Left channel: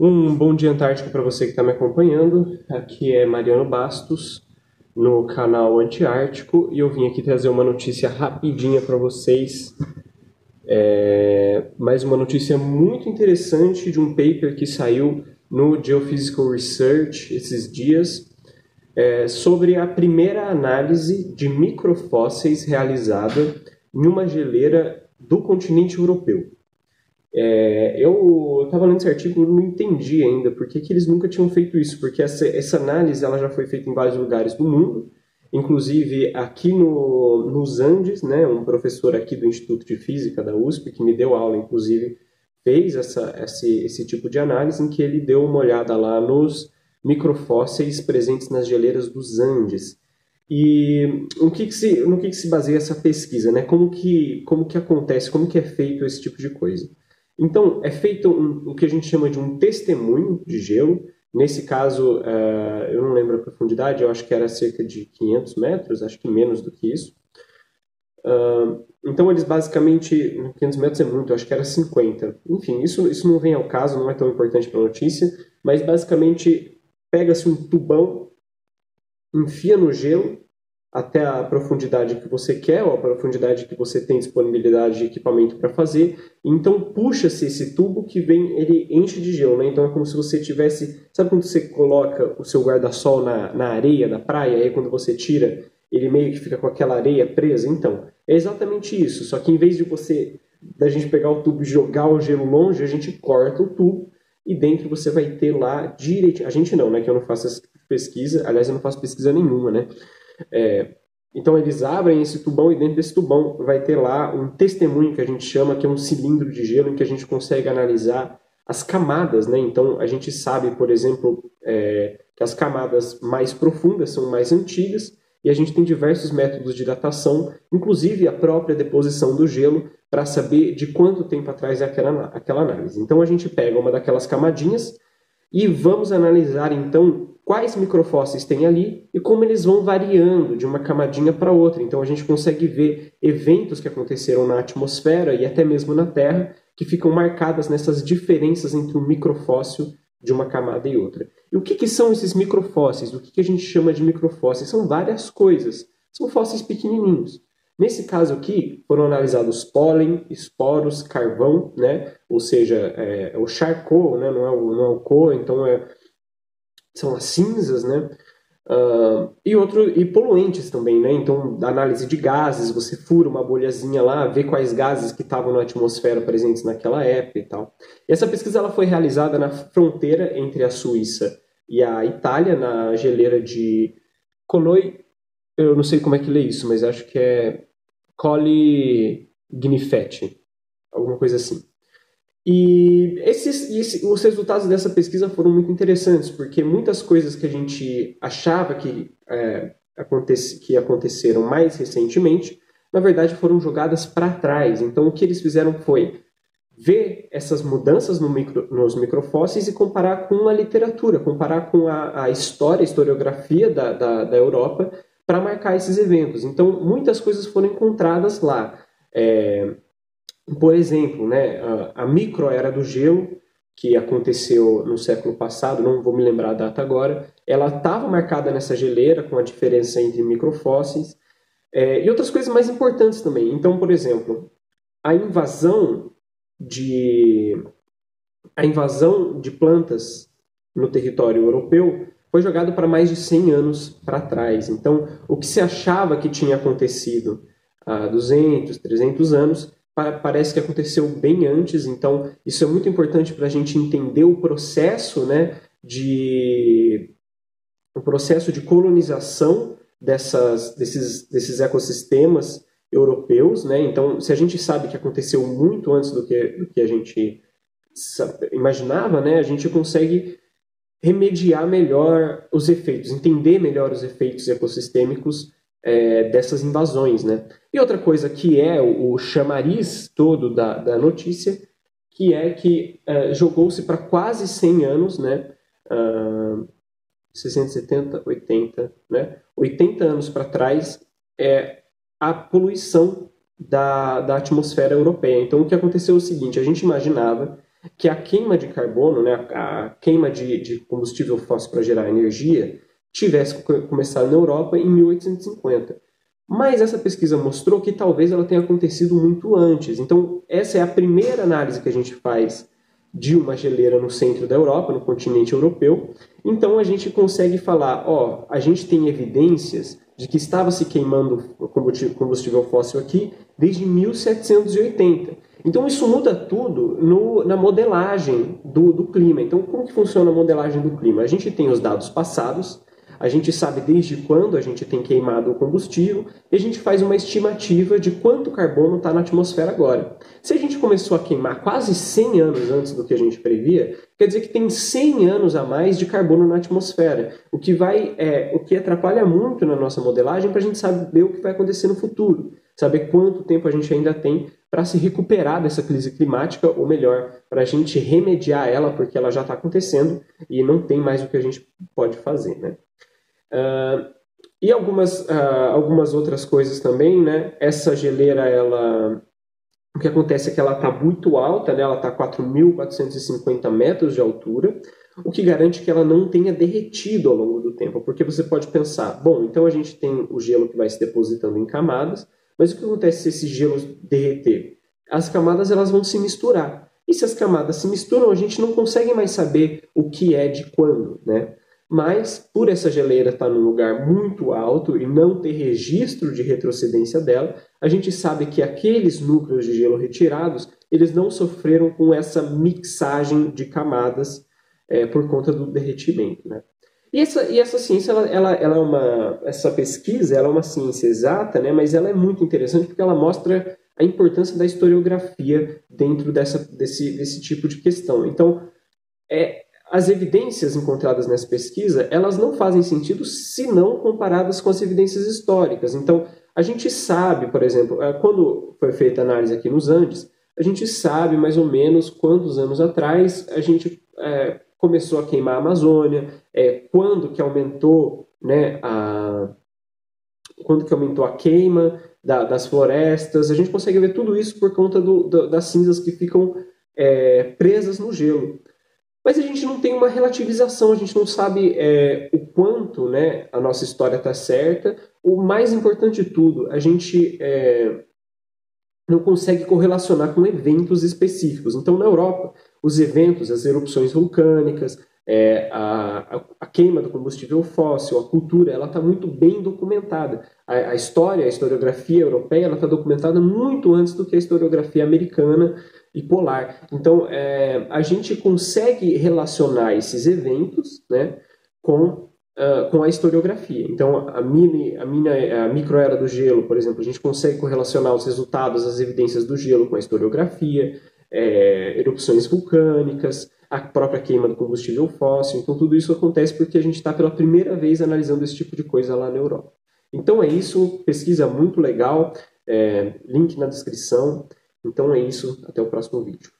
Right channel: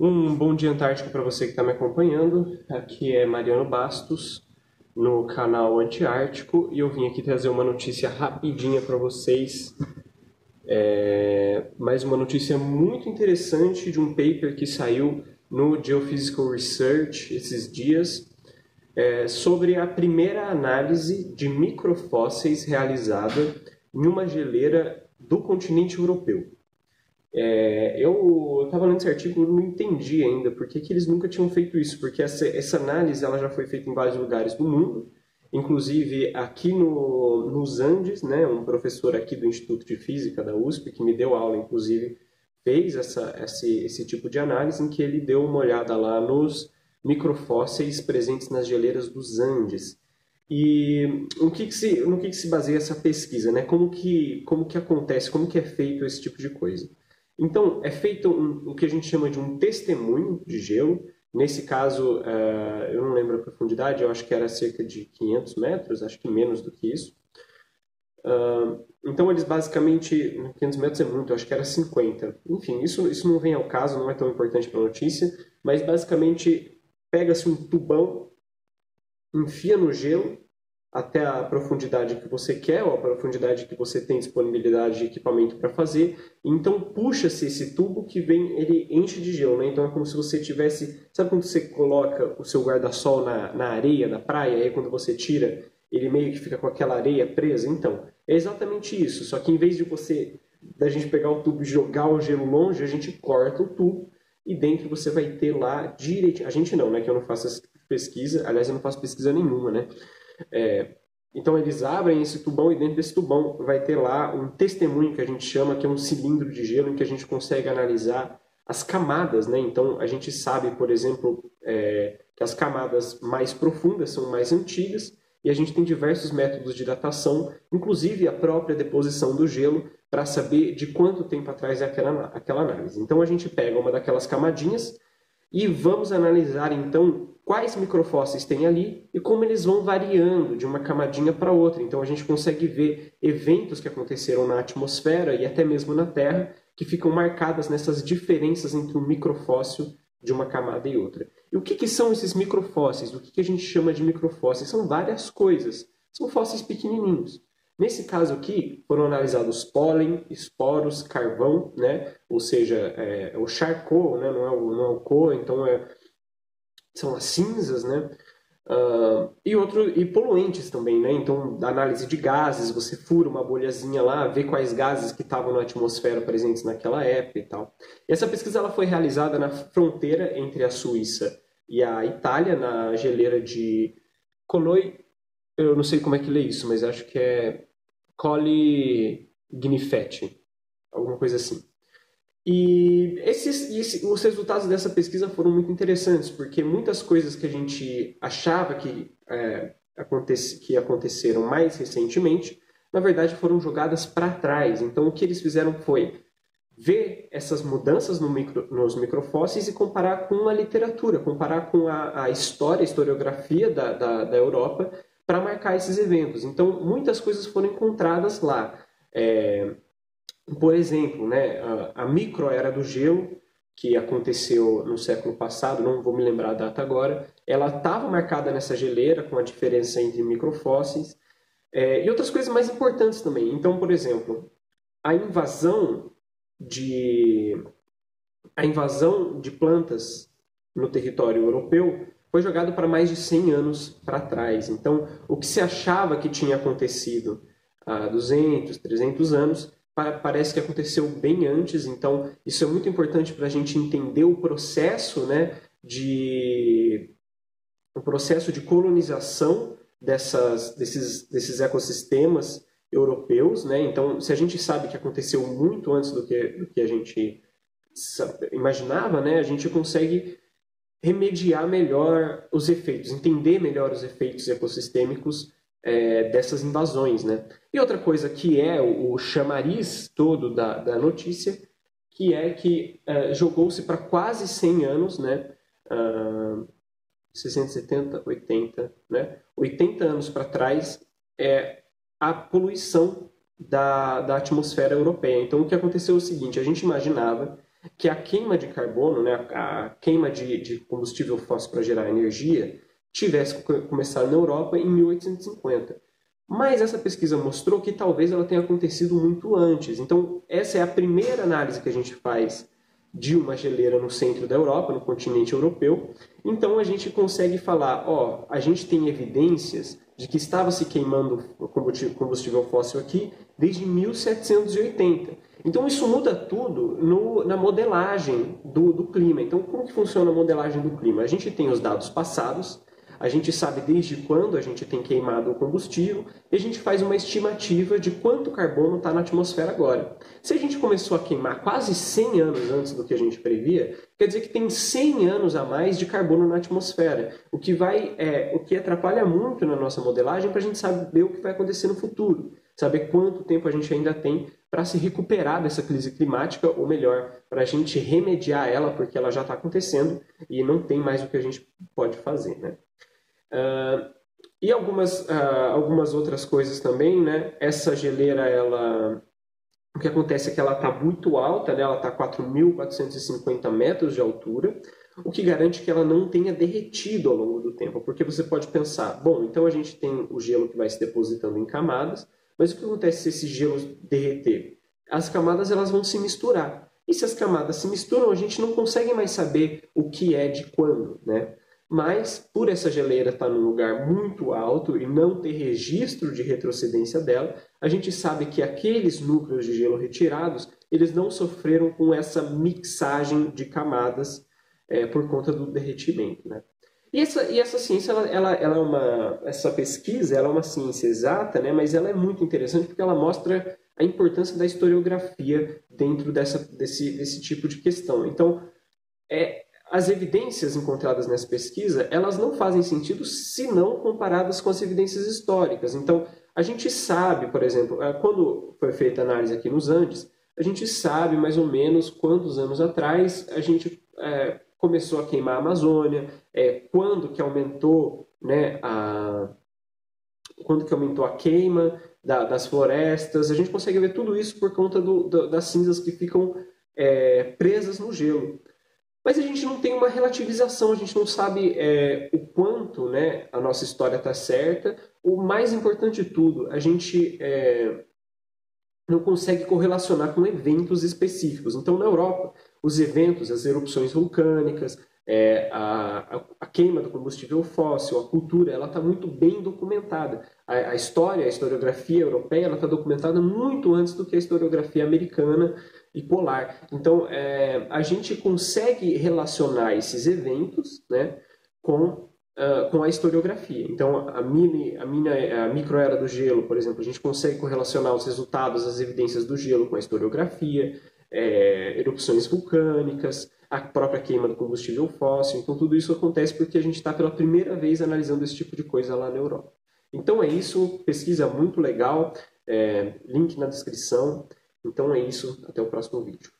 Um bom dia antártico para você que está me acompanhando. Aqui é Mariano Bastos, no canal Antiártico, e eu vim aqui trazer uma notícia rapidinha para vocês. Mais uma notícia muito interessante de um paper que saiu no Geophysical Research esses dias, sobre a primeira análise de microfósseis realizada em uma geleira do continente europeu. Eu estava lendo esse artigo e não entendi ainda por que eles nunca tinham feito isso, porque essa análise ela já foi feita em vários lugares do mundo, inclusive aqui nos Andes, né, um professor aqui do Instituto de Física da USP, que me deu aula, inclusive, fez esse tipo de análise em que ele deu uma olhada lá nos microfósseis presentes nas geleiras dos Andes. E no que se baseia essa pesquisa, né? Como que acontece, como que é feito esse tipo de coisa? Então, é feito o que a gente chama de um testemunho de gelo. Nesse caso, eu não lembro a profundidade, eu acho que era cerca de 500 metros, acho que menos do que isso. Então, eles basicamente, 500 metros é muito, eu acho que era 50. Enfim, isso não vem ao caso, não é tão importante para a notícia, mas basicamente pega-se um tubão, enfia no gelo até a profundidade que você quer, ou a profundidade que você tem disponibilidade de equipamento para fazer. Então puxa-se esse tubo que vem, ele enche de gelo, né? Então é como se você tivesse, sabe quando você coloca o seu guarda-sol na areia da praia, e aí quando você tira, ele meio que fica com aquela areia presa? Então, é exatamente isso, só que em vez de da gente pegar o tubo e jogar o gelo longe, a gente corta o tubo e dentro você vai ter lá direitinho. A gente não, né? Que eu não faço essa pesquisa, aliás, eu não faço pesquisa nenhuma, né? Então eles abrem esse tubão e dentro desse tubão vai ter lá um testemunho que a gente chama, que é um cilindro de gelo em que a gente consegue analisar as camadas, né? Então a gente sabe, por exemplo, que as camadas mais profundas são mais antigas e a gente tem diversos métodos de datação, inclusive a própria deposição do gelo, para saber de quanto tempo atrás é aquela análise. Então a gente pega uma daquelas camadinhas e vamos analisar então quais microfósseis tem ali e como eles vão variando de uma camadinha para outra. Então a gente consegue ver eventos que aconteceram na atmosfera e até mesmo na Terra que ficam marcadas nessas diferenças entre um microfóssil de uma camada e outra. E o que são esses microfósseis? O que a gente chama de microfósseis? São várias coisas. São fósseis pequenininhos. Nesse caso aqui, foram analisados pólen, esporos, carvão, né? Ou seja, o charcoal, né? Não é o co, então são as cinzas, né? E poluentes também, né? Então, da análise de gases, você fura uma bolhazinha lá, vê quais gases que estavam na atmosfera presentes naquela época e tal. E essa pesquisa ela foi realizada na fronteira entre a Suíça e a Itália, na geleira de Coloi. Eu não sei como é que lê isso, mas acho que é Colli Gnifetti, alguma coisa assim. E os resultados dessa pesquisa foram muito interessantes, porque muitas coisas que a gente achava que aconteceram mais recentemente, na verdade foram jogadas para trás. Então, o que eles fizeram foi ver essas mudanças nos microfósseis e comparar com a literatura, comparar com a história, a historiografia da Europa para marcar esses eventos. Então, muitas coisas foram encontradas lá. Por exemplo, né, a microera do gelo, que aconteceu no século passado, não vou me lembrar a data agora, ela estava marcada nessa geleira com a diferença entre microfósseis e outras coisas mais importantes também. Então, por exemplo, a invasão de plantas no território europeu foi jogado para mais de 100 anos para trás. Então, o que se achava que tinha acontecido há 200, 300 anos, parece que aconteceu bem antes. Então, isso é muito importante para a gente entender o processo, né, o processo de colonização desses ecossistemas europeus, né? Então, se a gente sabe que aconteceu muito antes do que a gente imaginava, né, a gente consegue remediar melhor os efeitos, entender melhor os efeitos ecossistêmicos dessas invasões, né? E outra coisa que é o chamariz todo da notícia, que é que jogou-se para quase 100 anos, né? 60, 70, 80, né? 80 anos para trás, a poluição da atmosfera europeia. Então, o que aconteceu é o seguinte, a gente imaginava que a queima de carbono, né, a queima de combustível fóssil para gerar energia, tivesse começado na Europa em 1850. Mas essa pesquisa mostrou que talvez ela tenha acontecido muito antes. Então, essa é a primeira análise que a gente faz de uma geleira no centro da Europa, no continente europeu. Então, a gente consegue falar, ó, a gente tem evidências de que estava se queimando combustível fóssil aqui desde 1780. Então, isso muda tudo na modelagem do clima. Então, como que funciona a modelagem do clima? A gente tem os dados passados, a gente sabe desde quando a gente tem queimado o combustível e a gente faz uma estimativa de quanto carbono está na atmosfera agora. Se a gente começou a queimar quase 100 anos antes do que a gente previa, quer dizer que tem 100 anos a mais de carbono na atmosfera, o que atrapalha muito na nossa modelagem para a gente saber o que vai acontecer no futuro, saber quanto tempo a gente ainda tem para se recuperar dessa crise climática, ou melhor, para a gente remediar ela, porque ela já está acontecendo e não tem mais o que a gente pode fazer, né? E algumas outras coisas também, né? Essa geleira, o que acontece é que ela está muito alta, né? Ela está a 4.450 metros de altura, o que garante que ela não tenha derretido ao longo do tempo. Porque você pode pensar, bom, então a gente tem o gelo que vai se depositando em camadas, mas o que acontece se esse gelo derreter? As camadas elas vão se misturar. E se as camadas se misturam, a gente não consegue mais saber o que é de quando, né? Mas, por essa geleira estar num lugar muito alto e não ter registro de retrocedência dela, a gente sabe que aqueles núcleos de gelo retirados, eles não sofreram com essa mixagem de camadas por conta do derretimento, né? E essa ciência, essa pesquisa, ela é uma ciência exata, né? Mas ela é muito interessante porque ela mostra a importância da historiografia dentro desse tipo de questão. Então, as evidências encontradas nessa pesquisa, elas não fazem sentido se não comparadas com as evidências históricas. Então, a gente sabe, por exemplo, quando foi feita a análise aqui nos Andes, a gente sabe mais ou menos quantos anos atrás a gente começou a queimar a Amazônia, quando que aumentou, né, quando que aumentou a queima das florestas. A gente consegue ver tudo isso por conta das cinzas que ficam presas no gelo. Mas a gente não tem uma relativização, a gente não sabe o quanto, né, a nossa história está certa. O mais importante de tudo, a gente não consegue correlacionar com eventos específicos. Então, na Europa, os eventos, as erupções vulcânicas, a queima do combustível fóssil, a cultura, ela está muito bem documentada. A historiografia europeia, ela está documentada muito antes do que a historiografia americana e polar. Então, a gente consegue relacionar esses eventos, né, com a historiografia. Então, a microera do gelo, por exemplo, a gente consegue correlacionar os resultados, as evidências do gelo com a historiografia, erupções vulcânicas, a própria queima do combustível fóssil. Então, tudo isso acontece porque a gente está pela primeira vez analisando esse tipo de coisa lá na Europa. Então, é isso. Pesquisa muito legal. Link na descrição. Então, é isso. Até o próximo vídeo.